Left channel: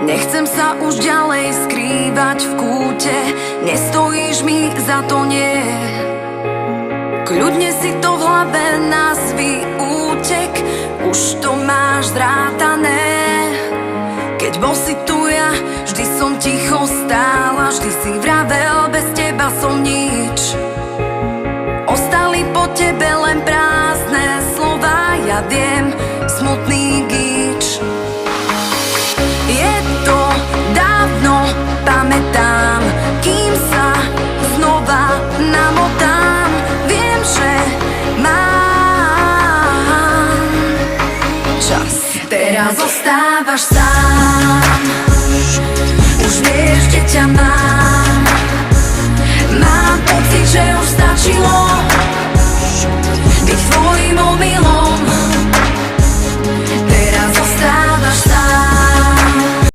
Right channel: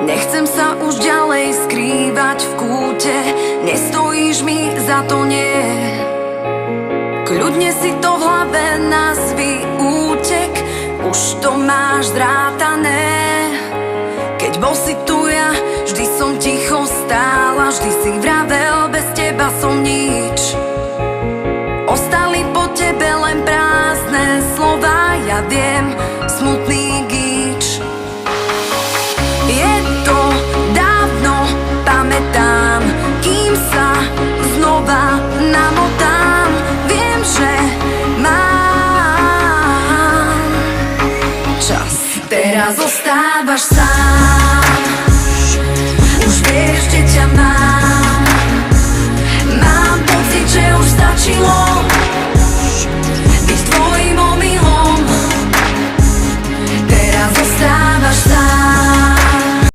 Nechcem sa už ďalej skrývať v kúte, nestojíš mi za to, nie. Kľudne si to v hlave nazvi útek, už to máš zrátané. Keď bol si tu ja, vždy som ticho stála, vždy si vravel, bez teba som nič. Ostali po tebe len prázdne slova, ja viem, smutný gíč. Je to dávno, pamätám, kým sa znova namotám. Viem, že mám čas. Teraz zostávaš sám.